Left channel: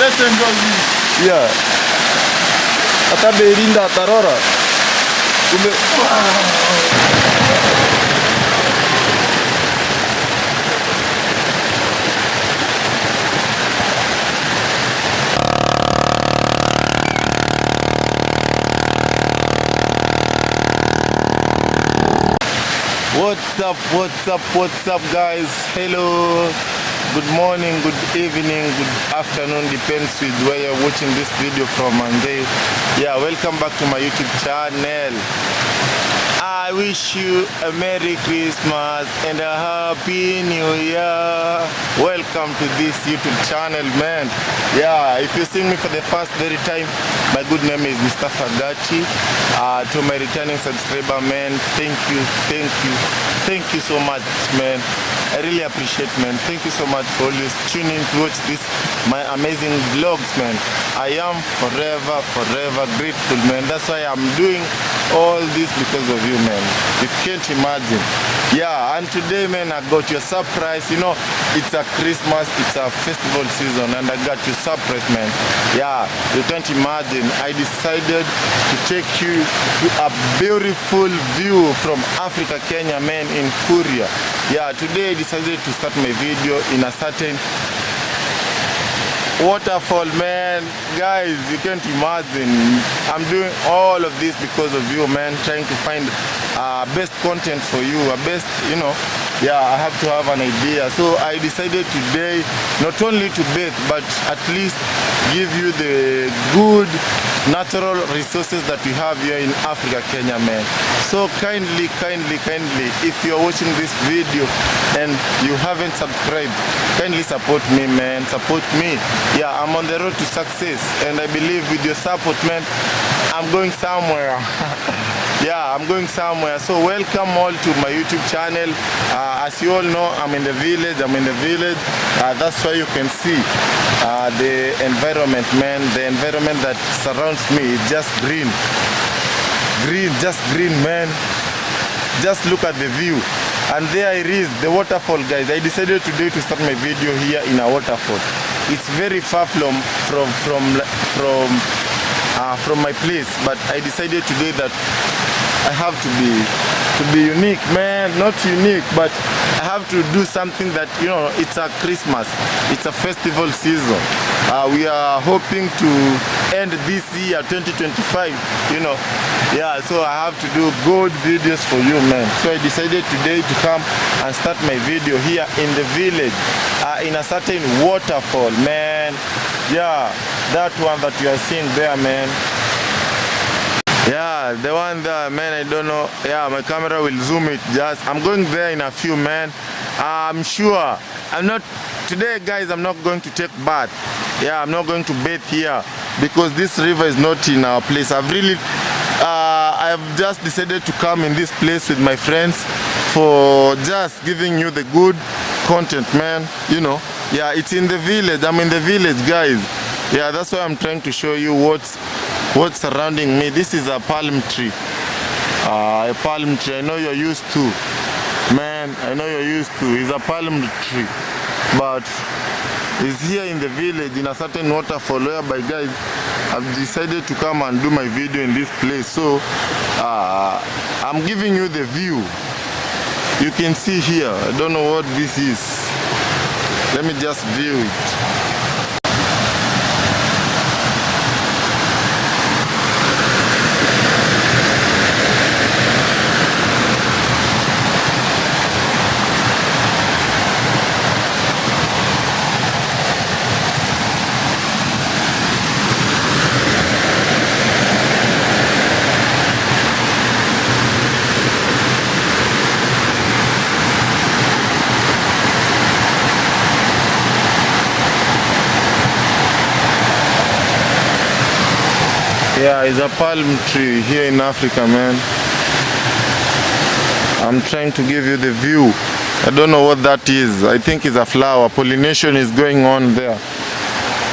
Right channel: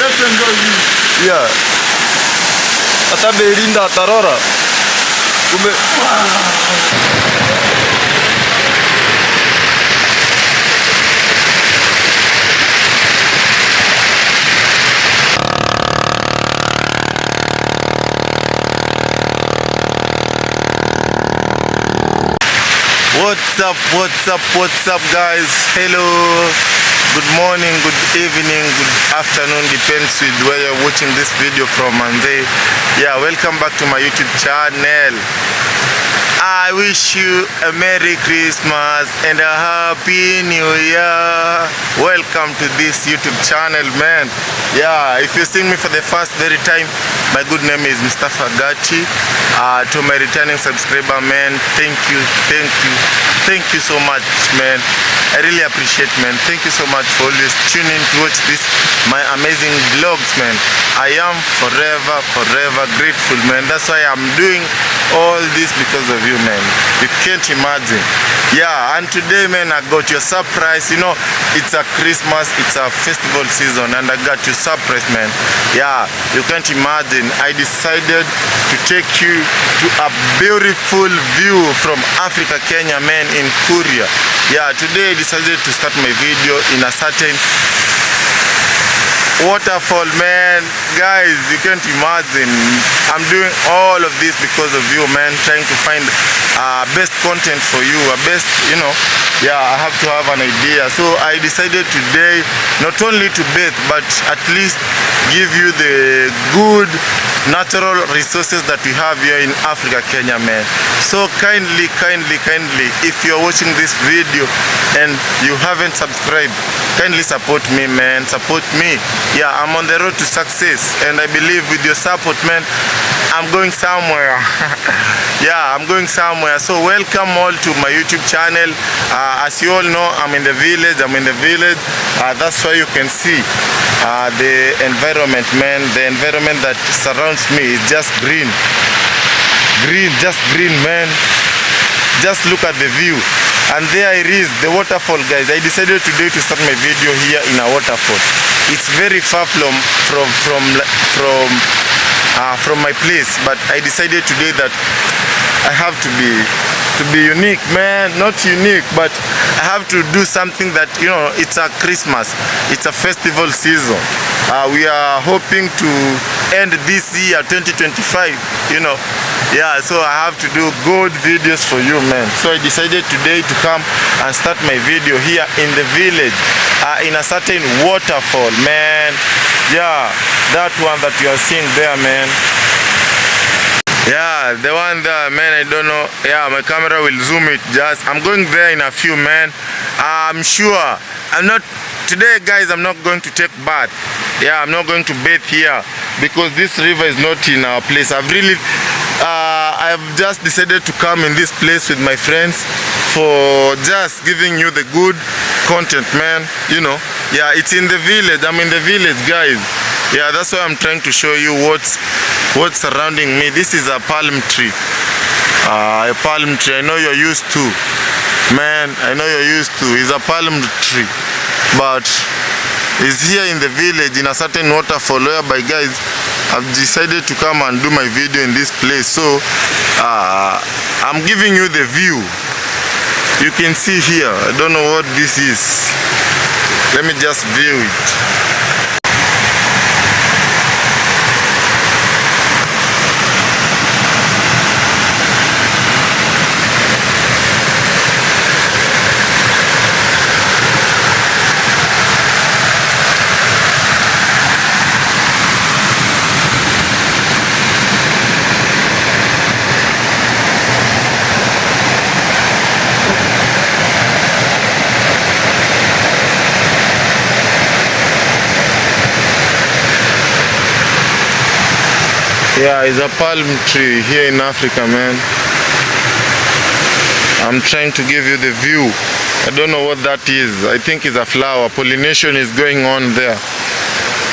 let's enjoy this. Yeah. Hata Berinda Tarora. What's up guys? Hello, good morning, good evening, good afternoon, depends with where you're watching this video from. And yeah, welcome back to my YouTube channel. I wish you a Merry Christmas and a Happy New Year. Welcome to this YouTube channel, man. Yeah, if you're seeing me for the first very time, my good name is Mr. Fagati. To my returning subscriber, man, thank you so much, man. I really appreciate, man. Thank you so much for always tuning to watch this my amazing vlogs, man. I am forever grateful, man. That's why I'm doing all this, because of you, man. You can't imagine. Yeah, and today, man, I got your surprise. You know, it's a Christmas, it's a festival season, and I got your surprise, man. Yeah, you can't imagine. I decided to take you to a beautiful view from Africa, Kenya, man, in Korea. Yeah, today I decided to start my video in a certain waterfall, man. Guys, you can't imagine. I'm doing all of this because of you, man. Trying to find best content for you, best, you know. Yeah, I have to have an idea. So I decided today not only to bathe, but at least give you the good natural resources that we have here in Africa, Kenya, man. So kindly, if you're watching this video and you haven't subscribed, kindly support me, man. Support me. Yeah, I'm on the road to success, and I believe with your support, man, I'm going somewhere. Yeah, I'm going somewhere. So welcome all to my YouTube channel. As you all know, I'm in the village. That's why you can see the environment, man. The environment that surrounds me is just green, just green, man. Just look at the view. And there it is, the waterfall, guys. I decided today to start my video here in a waterfall. It's very far from my place, but I decided today that I have to be unique, man. Not unique, but I have to do something that, you know, it's a Christmas, it's a festival season. We are hoping to end this year 2025, you know. Yeah, so I have to do good videos for you, man. So I decided today to come and start my video here in the village, in a certain waterfall, man. Yeah, that one that you are seeing there, man. Yeah, the one there, man, I don't know. Yeah, my camera will zoom it. I'm going there in a few, man. I'm sure. Today, guys, I'm not going to take bath. Yeah, I'm not going to bathe here because this river is not in our place. I've just decided to come in this place with my friends for just giving you the good content, man. You know, yeah, it's in the village. I'm in the village, guys. Yeah, that's why I'm trying to show you what's surrounding me. This is a palm tree. A palm tree. I know you're used to, man. I know you're used to. It's a palm tree, but it's here in the village in a certain waterfall whereby, guys, I've decided to come and do my video in this place. So I'm giving you the view. You can see here. I don't know what this is. Let me just view it. Yeah, it's a palm tree here in Africa, man. I'm trying to give you the view. I don't know what that is. I think it's a flower. Pollination is going on there.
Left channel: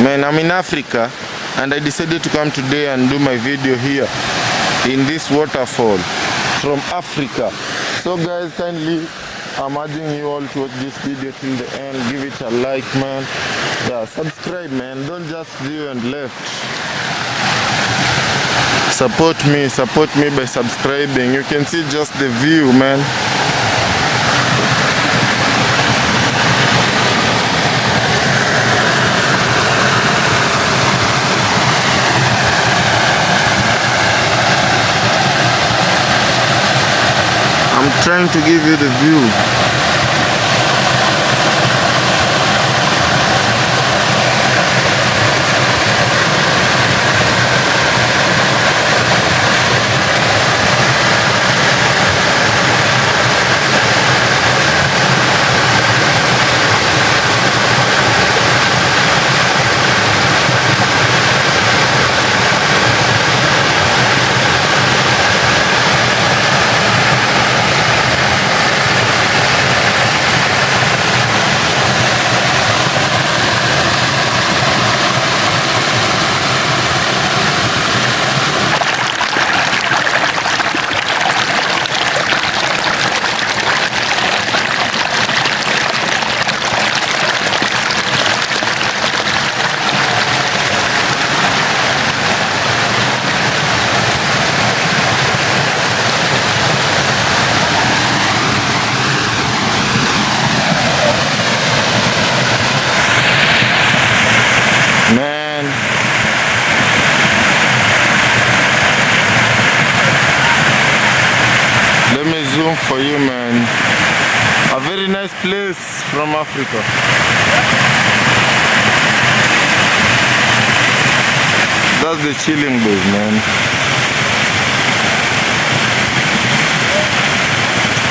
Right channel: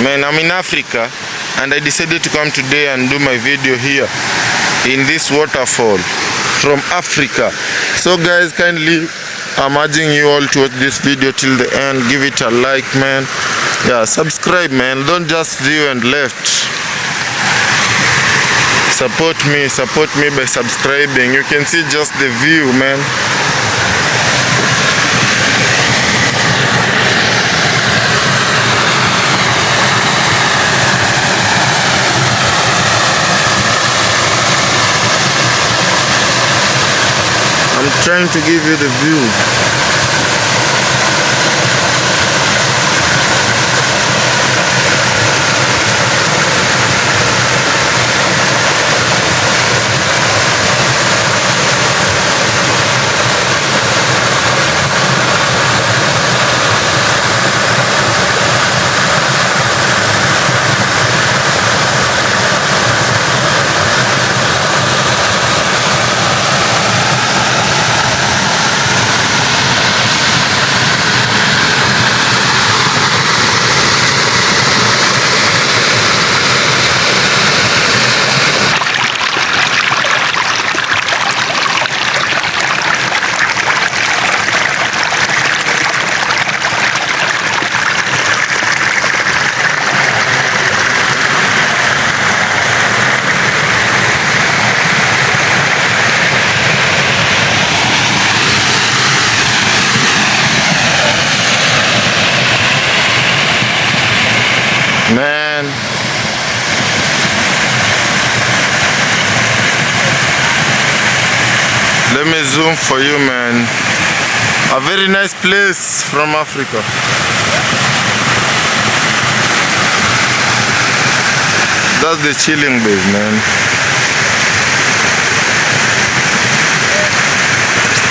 Man, I'm in Africa and I decided to come today and do my video here in this waterfall from Africa. So guys, kindly, I'm urging you all to watch this video till the end. Give it a like, man. Yeah, subscribe, man. Don't just view and left. Support me by subscribing. You can see just the view, man. I'm trying to give you the view. Man, let me zoom for you, man. A very nice place from Africa. That's the chilling base, man.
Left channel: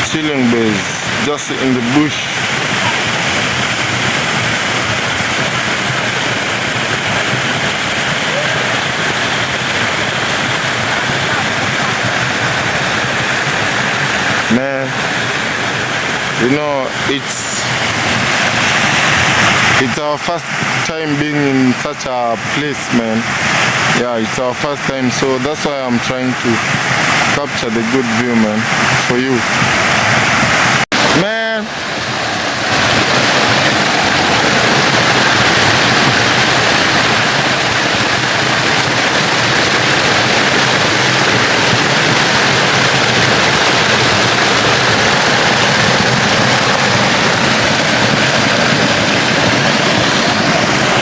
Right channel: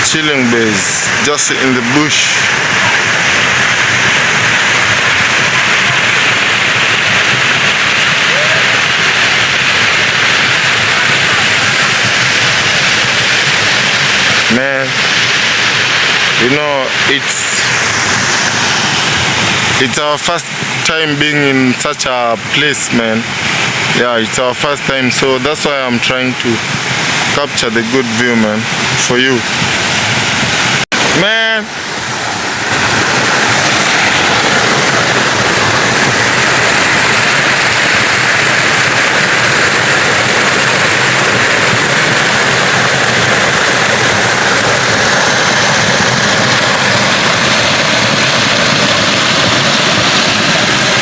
Chilling base, just in the bush. Man, you know, it's our first time being in such a place, man. Yeah, it's our first time, so that's why I'm trying to capture the good view, man, for you. Man, Sale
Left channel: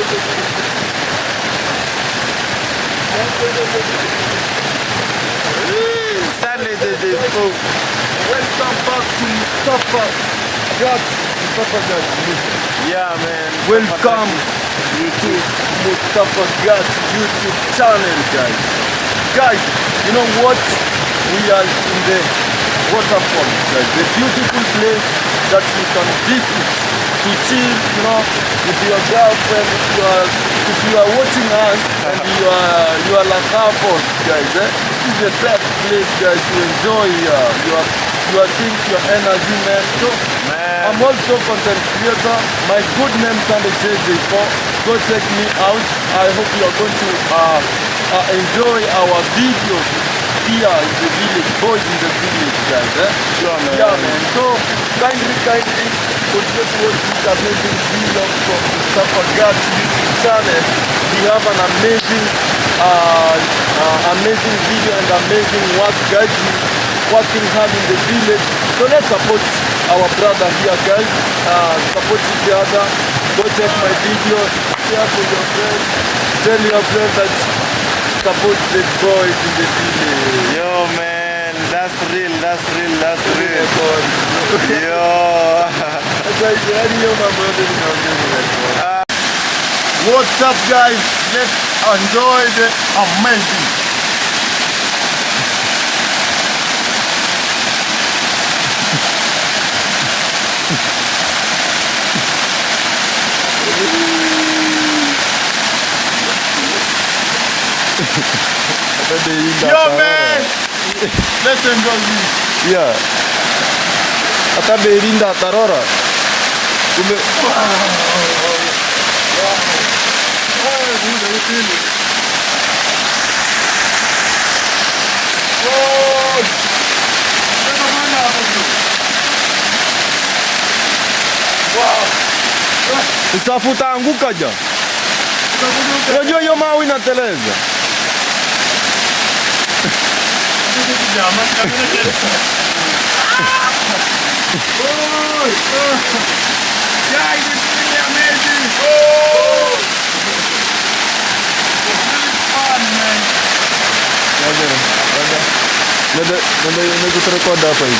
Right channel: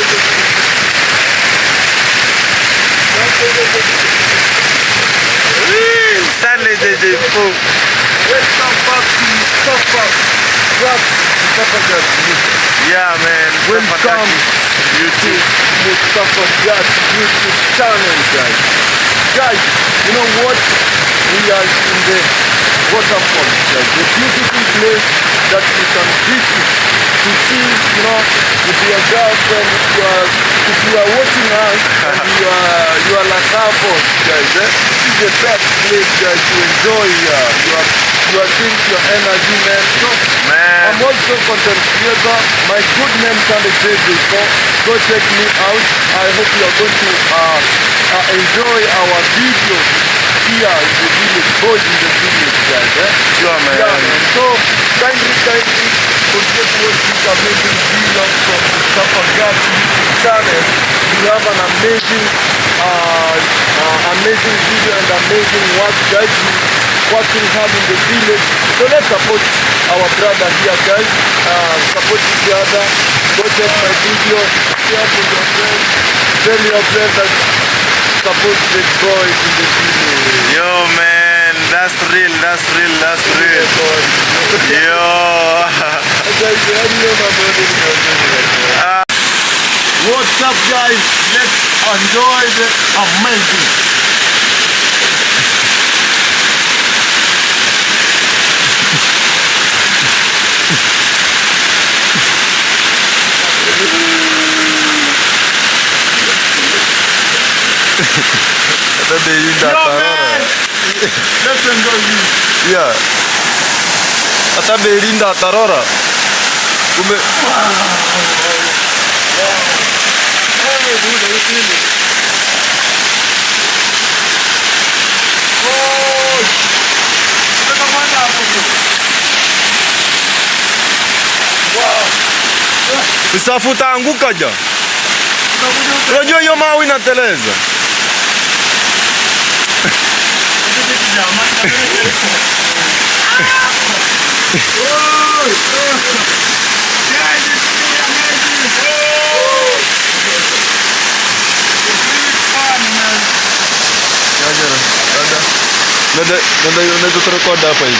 de faux. Yeah, man. Welcome YouTube. Mustafa Jazz YouTube channel, guys. Guys, you know what? We are in the Waterfall, guys. The beautiful place that you can visit to chill, you know, with your girlfriend, if you are watching us and you are like couples, guys. This is the best place, guys, to enjoy your things, your energy, man. So, Man. I'm also content creator. My good name can be said before. Go check me out. I hope you are going to enjoy our videos here in the village, boys in the village, guys. Sure, man. Yeah, man. So kindly continue to watch this amazing video from the Mustafa Jazz YouTube channel. We have an amazing video and amazing work, guys. Working hard in the village. So let's support our brother here, guys. Support each other. Go check my video. Share with your friends. Tell your friends that support the boys in the village. Yo, man, that's real. Yo. What's up, guys? Let's enjoy the amazing Hata Deirinda Yo, atarora. man. Let's enjoy this. Yeah. Hata Deirinda atarora. Kumbe Usafuta anguka ja. Unajua hiyo mawe inateleza. Unaweza turekodi hapa hivi.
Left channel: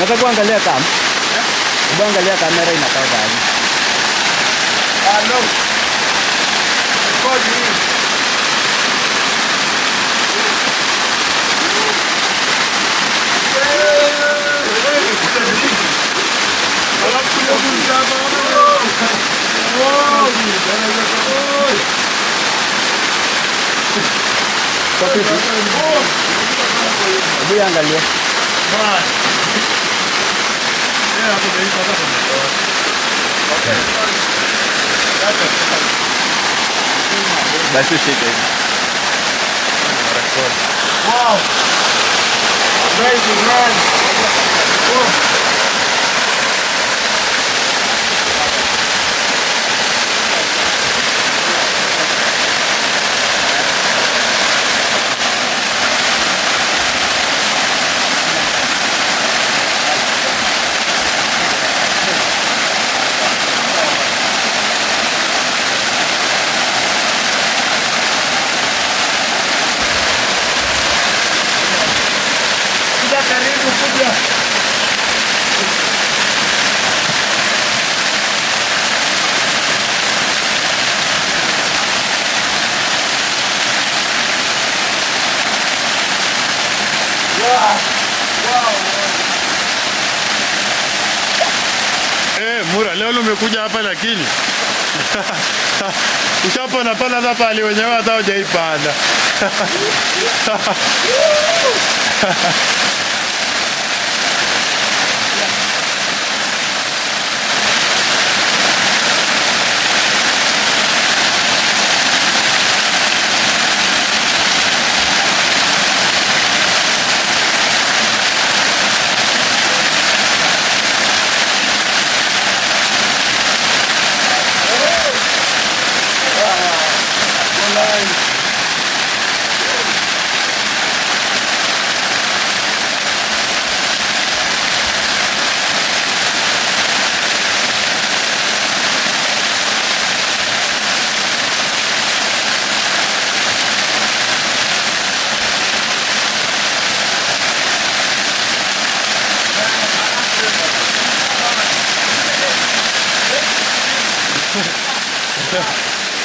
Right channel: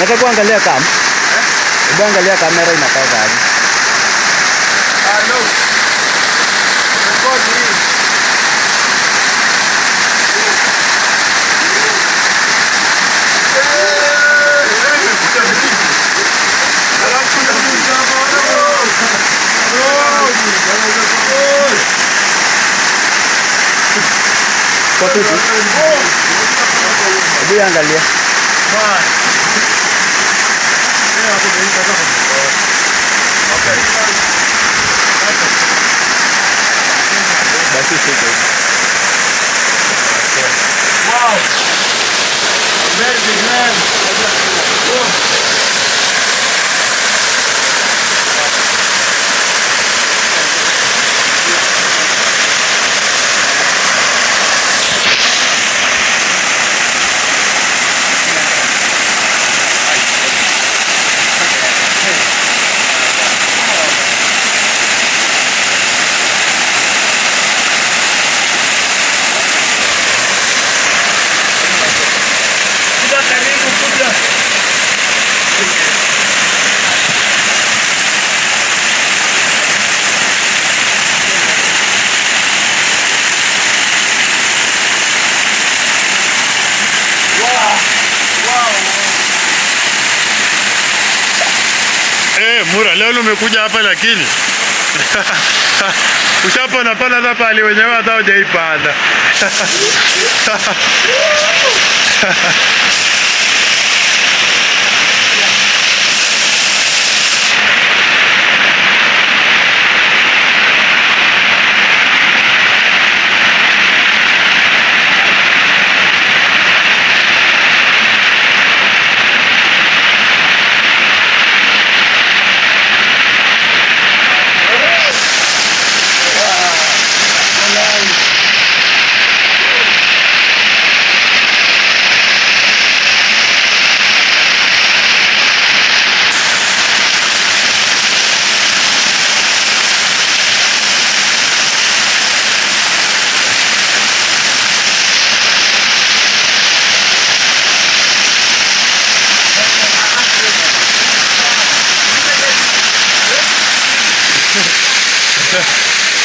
Nataka kuangalia kam. Hebu angalia kamera inakaa gani. No. Record me. Hebu angalia. Basi shika. Wow. Amazing, man. Mura, leo umekuja hapa lakini ushapona pala hapa pale wenyewe hata hujaipanda.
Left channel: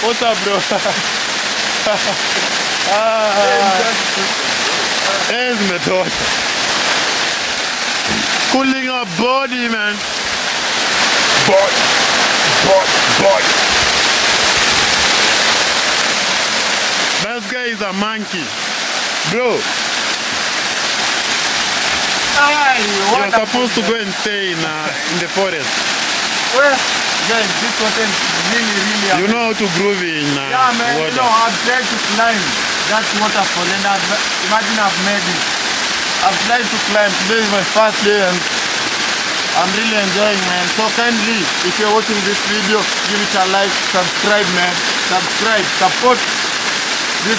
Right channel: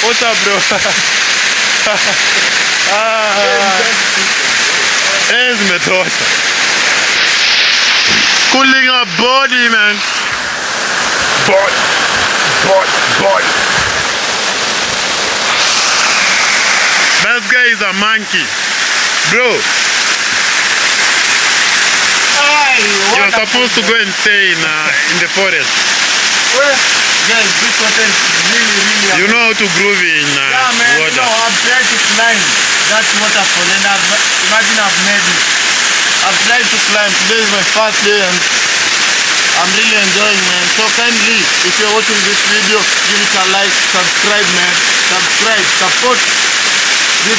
What's up, bro? Zimetosha. Cooling our body, man. Body. That guy is a monkey, bro. You're supposed to go and stay in the forest. Where? Yes, this water is really You know how to groove in yeah, man, water. You know, I've tried to climb that waterfall and imagine I've made it. I've tried to climb. Today is my first day and I'm really enjoying, man. So kindly, if you're watching this video, give it a like, subscribe, man. Subscribe, support this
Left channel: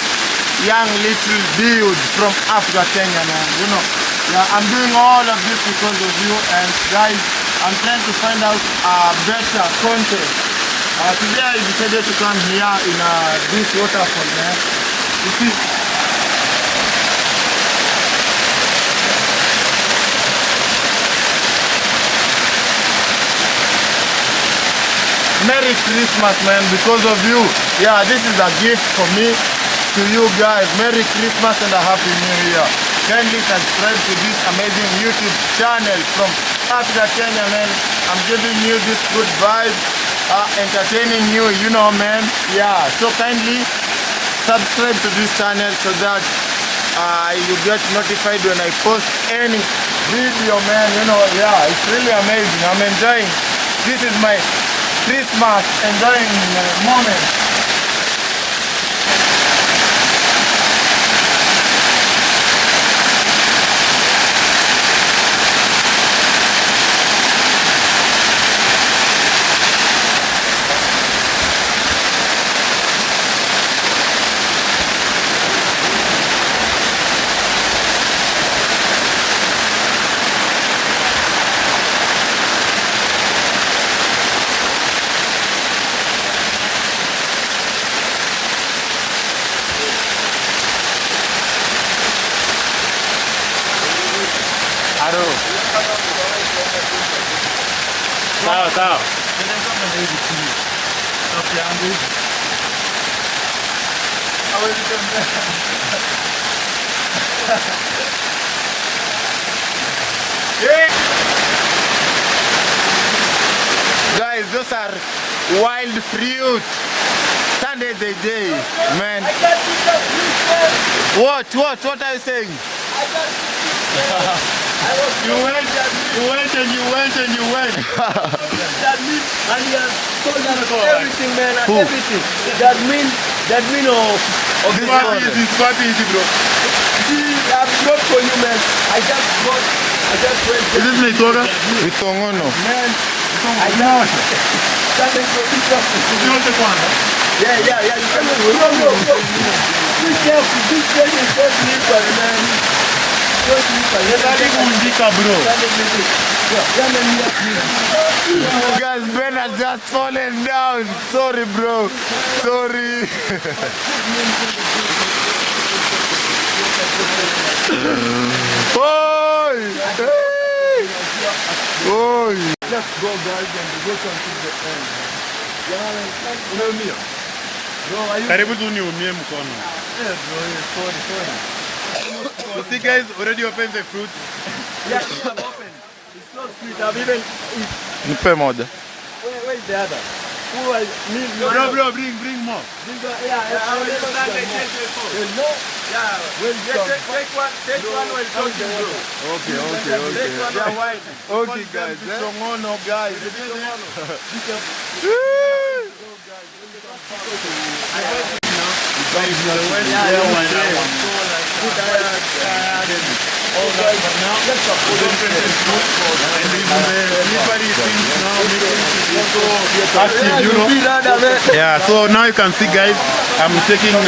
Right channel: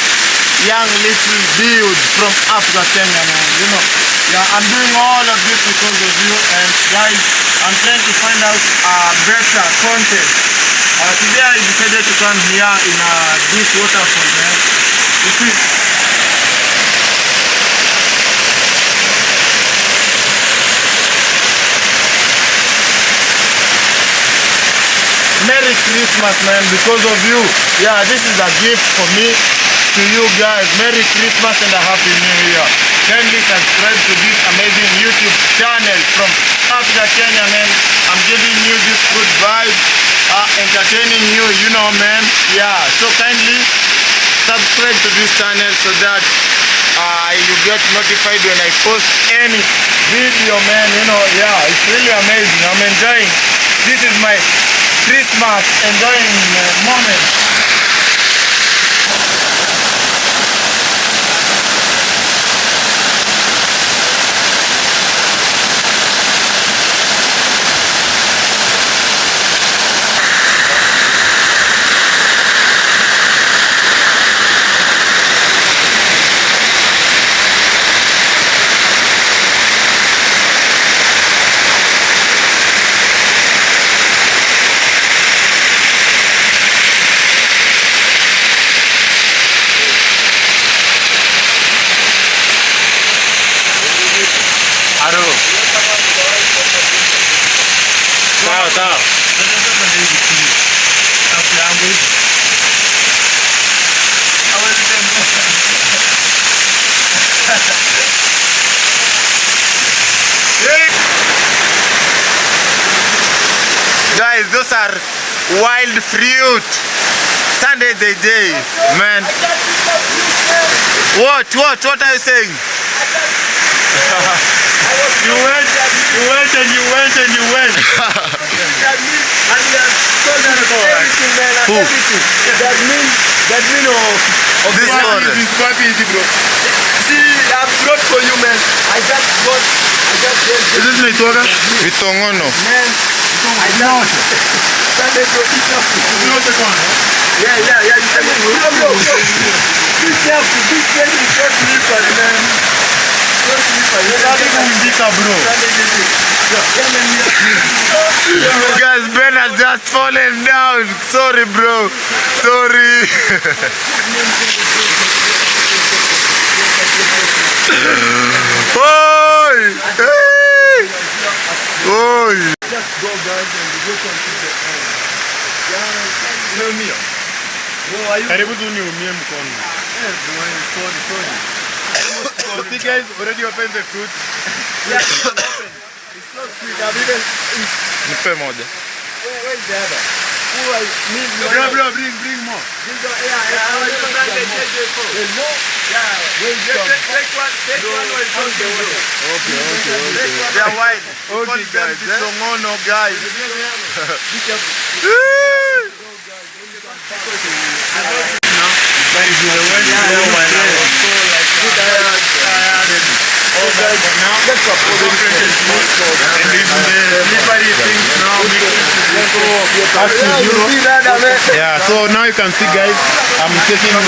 young little dude from Africa, Kenya, man. You know, yeah, I'm doing all of this because of you. And guys, I'm trying to find out better content. Today I decided to come here in this waterfall, man. You see, Merry Christmas, man, because of you. Yeah, this is a gift for me to you guys. Merry Christmas and a Happy New Year. Kindly subscribe to this amazing YouTube channel from Africa, Kenya, man. I'm giving you this good vibe, entertaining you, you know, man. Yeah, so kindly subscribe to this channel so that you get notified when I post any video, man. You know, yeah, it's really amazing. I'm enjoying. This is my Christmas enjoying moment. Aro. Sawa sawa. Guys, those are wild fruit. Sunday the day, man. What are you saying? You went and you went and you went. Who? That mean This one. This party is bro. see, I brought for you, man. I just went. This is my daughter. Vitongono. Man, I Not. started to eat something. Not the one. Yeah. You can make Be careful, man. Bro. Guys, Ben has just fallen down. Sorry, bro. Sorry. Oi! Hey! Oi! Just go, guys, and we go until the end. Yeah, bro, are you? Karibu tu niumie mkono. Yeah, bro, sorry. You see guys, already opened the fruit. Yeah, it's not sweet. I've even. Nipe moja. Where's the other? Me. Bro, bring more. I will never get more. No. Yeah. Take one or something. Okay. They are white. Okay, guys. Vitongono, guys. Yeah, so now you can see guys, I'm taking a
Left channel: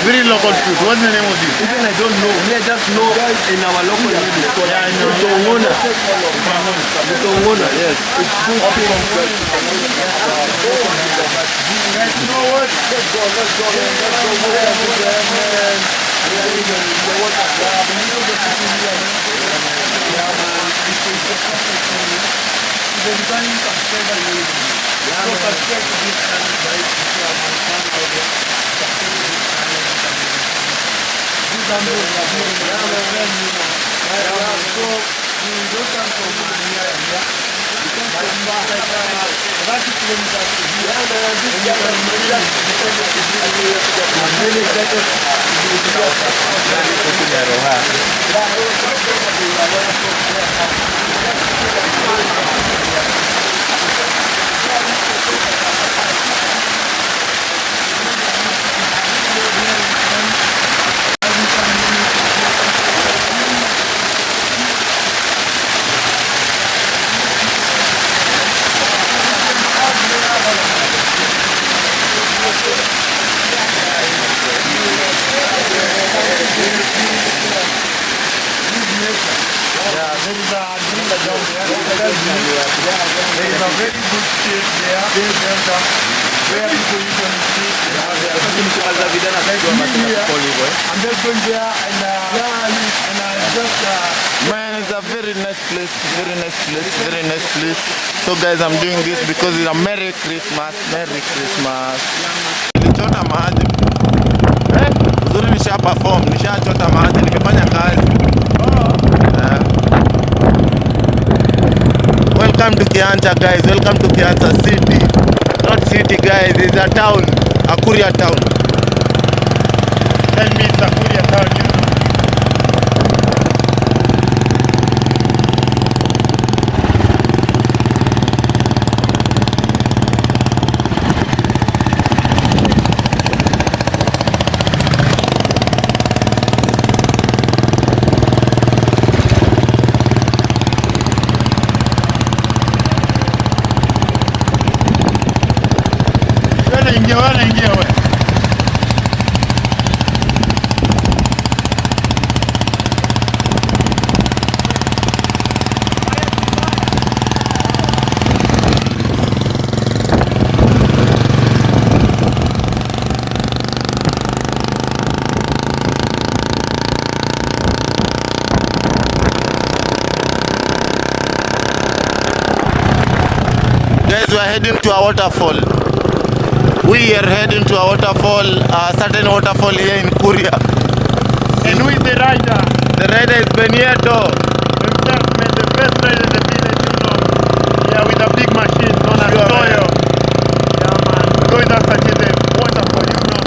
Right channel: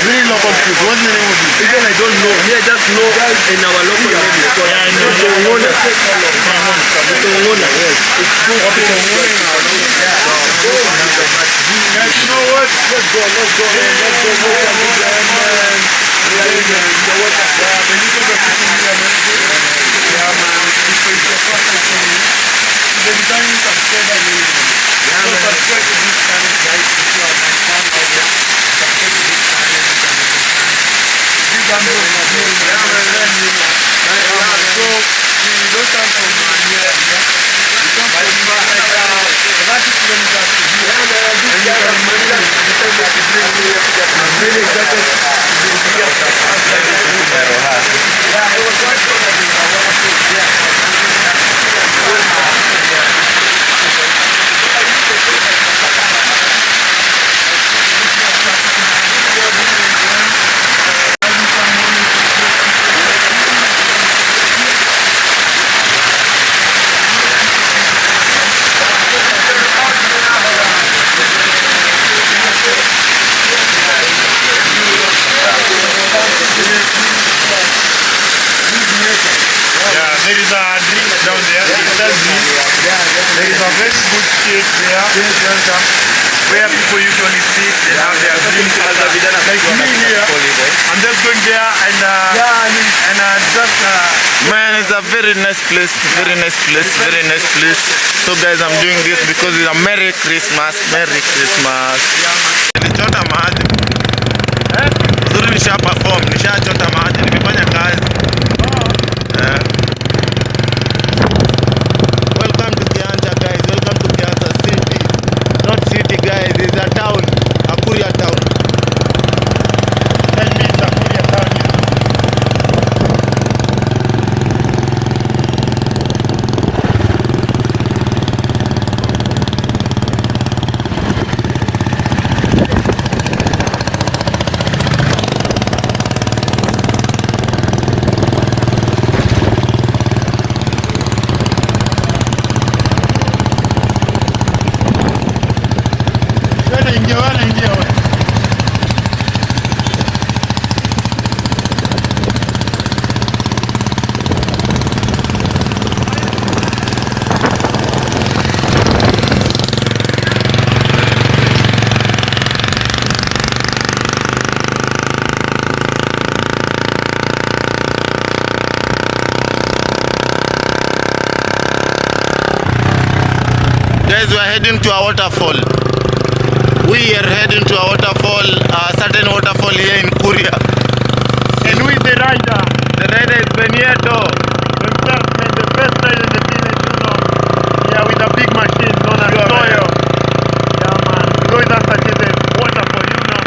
very local food. What's the name of it? Even I don't know. We just know in our local name it's called Vitongona. Yes. It's good. Guys, you know what? Let's go. Yeah, man. Subscribe to this channel, guys. If you are my fan out there, subscribe to this channel. This channel is my friend, you know. So we don't come from here. We come from 30 kilometers to here. And you can imagine the time that we bring me here together. I'm really excited to be here. Yeah, it was one thing that we were view. There is a very good shade there, where people usually sit. They have their green color. Like me here, I'm just going there and just. Man, it's a very nice place, very nice place, very nice place. So guys, I'm doing this because it's a Merry Christmas, Merry Christmas. Nilichota maji. Uzuri nisha perform, nishachota maji, nimefanya kazi. Welcome to Kiancha guys, welcome to Kiancha city. Not city guys, it's a town, Akuria town. Tell me it's a Korea town. Guys, we are heading to a waterfall. We are heading to a waterfall, a certain waterfall here in Korea. And who is the rider? The rider is Benito. Exactly, the first rider in the village, you know. Yeah, with a big machine known as Toyo. Yeah, man. Goes and touches the waterfall, you know.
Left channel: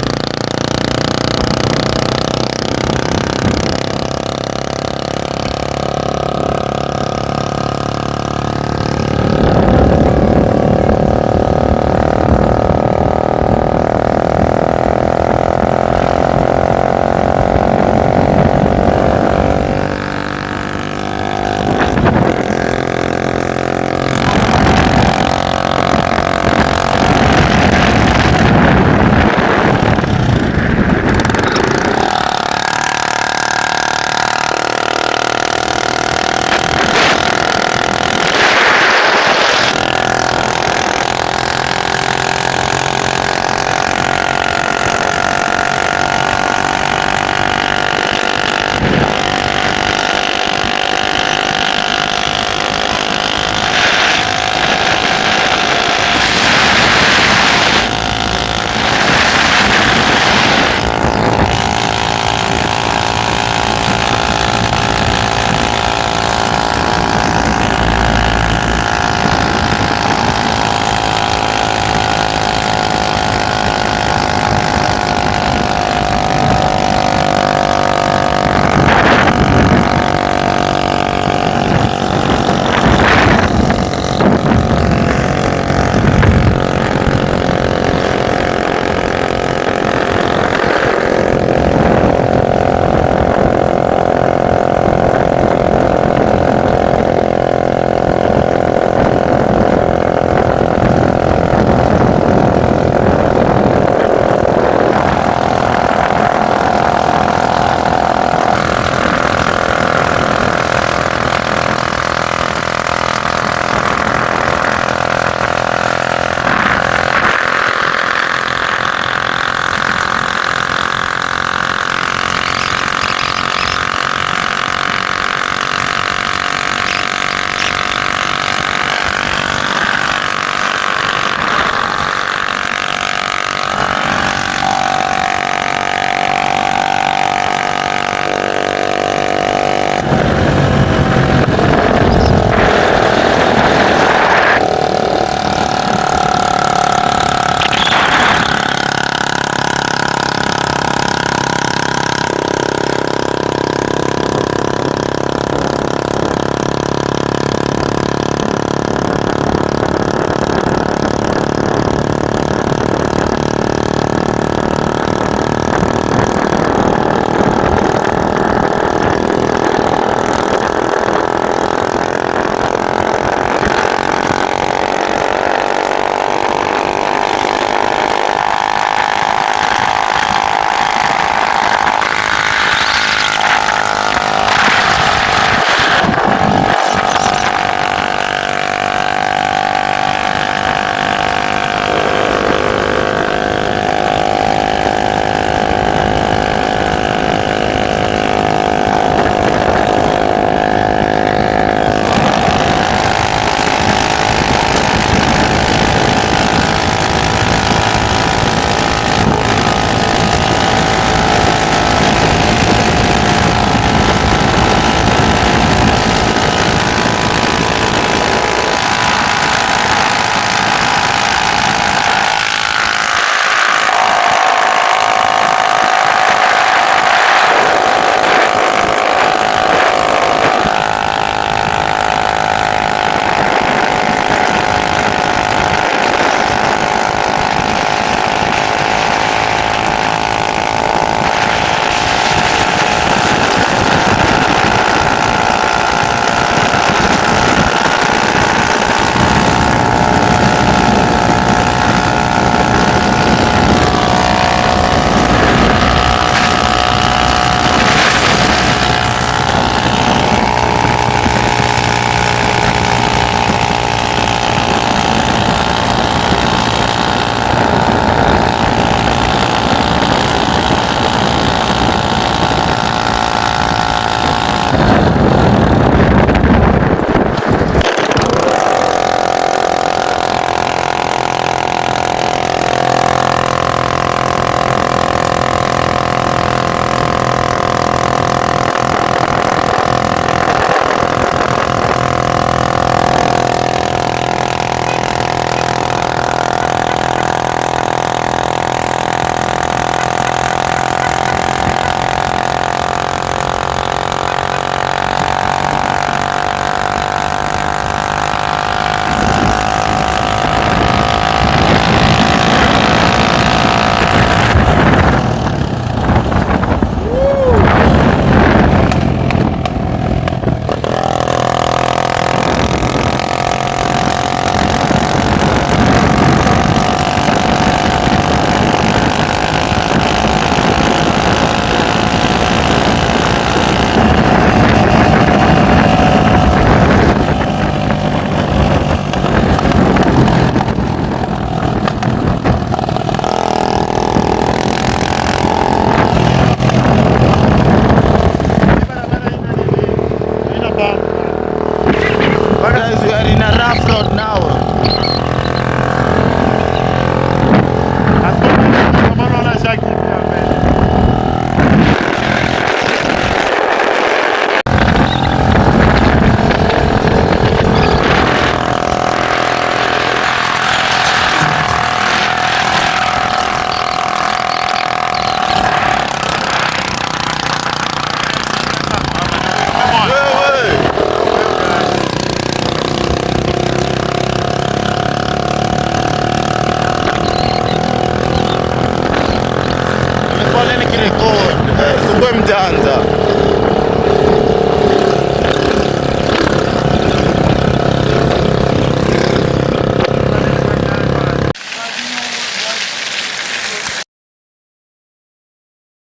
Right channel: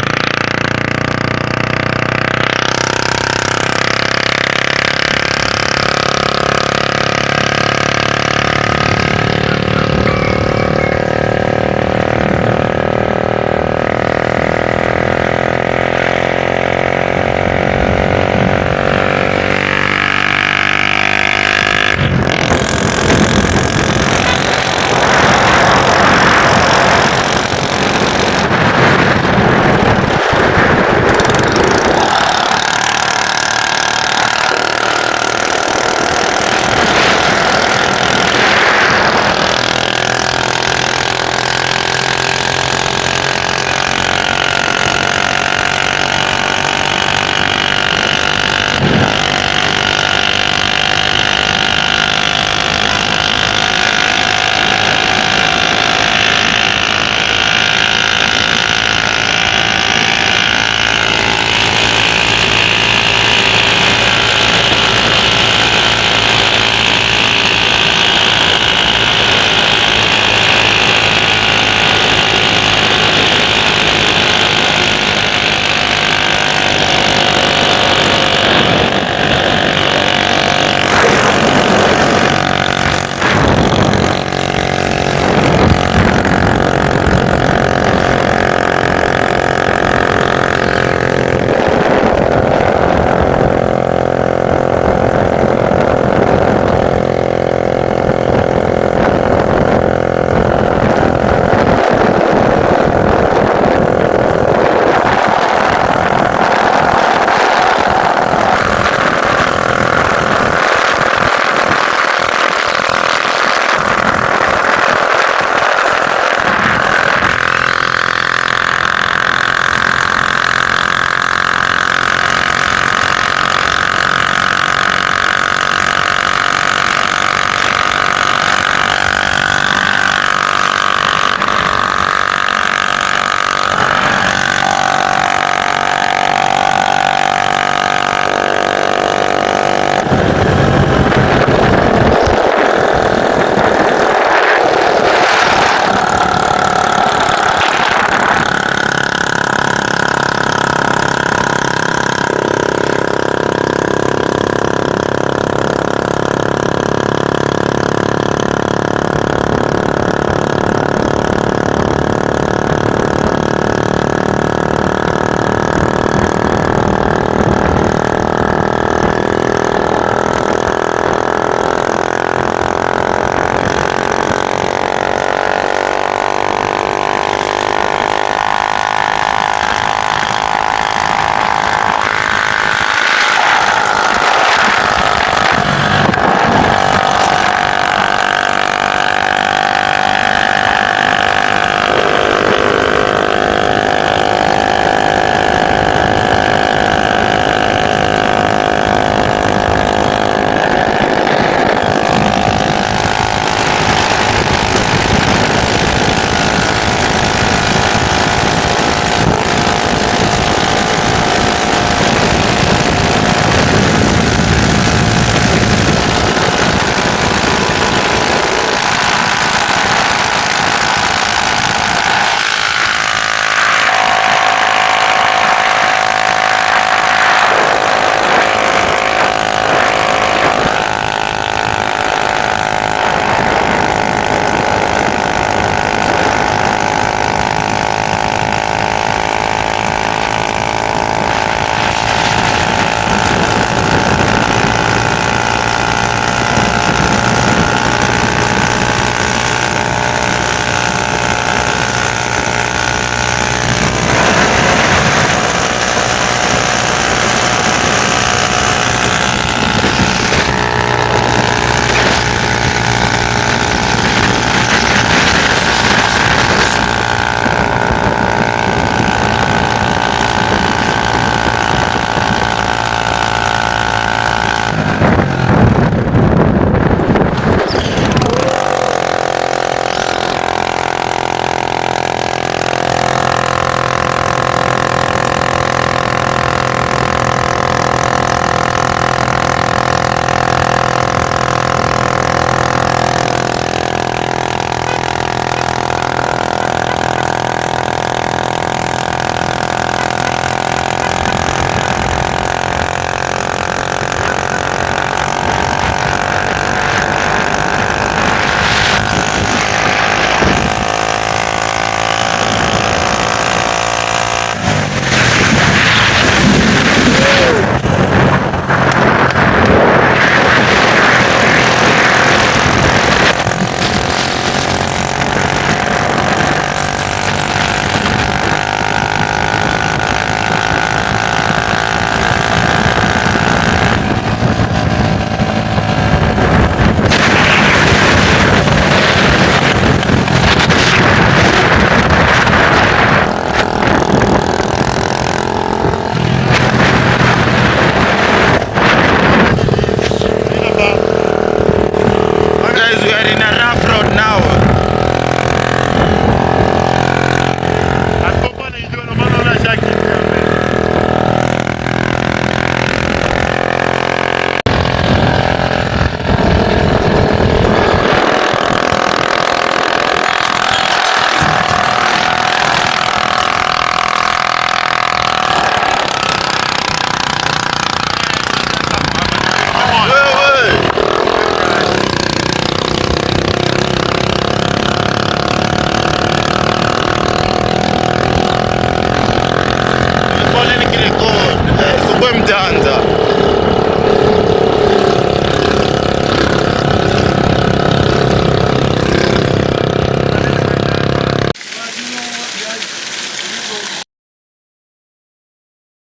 mjanja.